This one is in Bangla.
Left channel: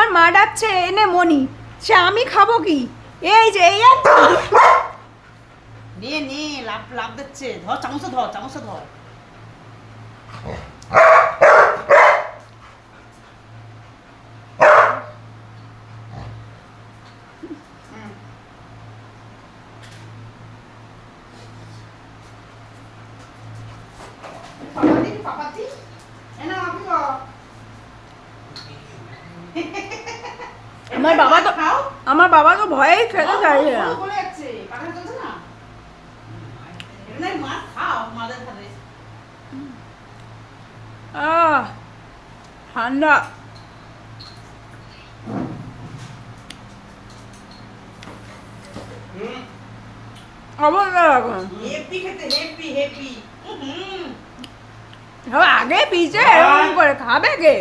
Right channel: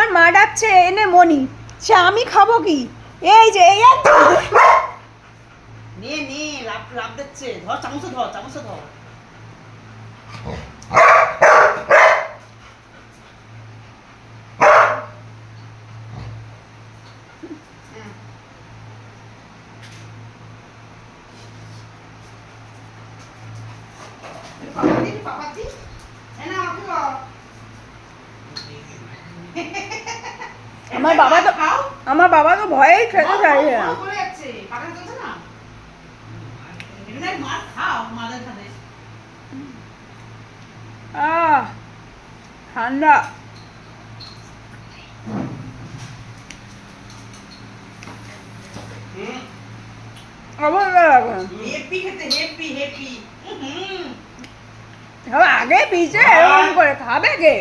আমার মা ডাকছে এনে মনি, সে আমি খাবো কি? এই যে এই একটা নে নে লাভ লাভ দিচ্ছে, ধর চামচে ধর, চামচে ধর। পাপাতি পাপাতি এনা আপু আমার বাবা তো ভয়েই খেতে চাইছে না। বলে যাচ্ছে পাকা চলছে না, এমনি মাছ খাও মাদের খাতে। ঠান্ডা। অবস্থা এখন হেপি খেতে, হেপি হেপি। আগে পিছে এরকম করে খাবে কে?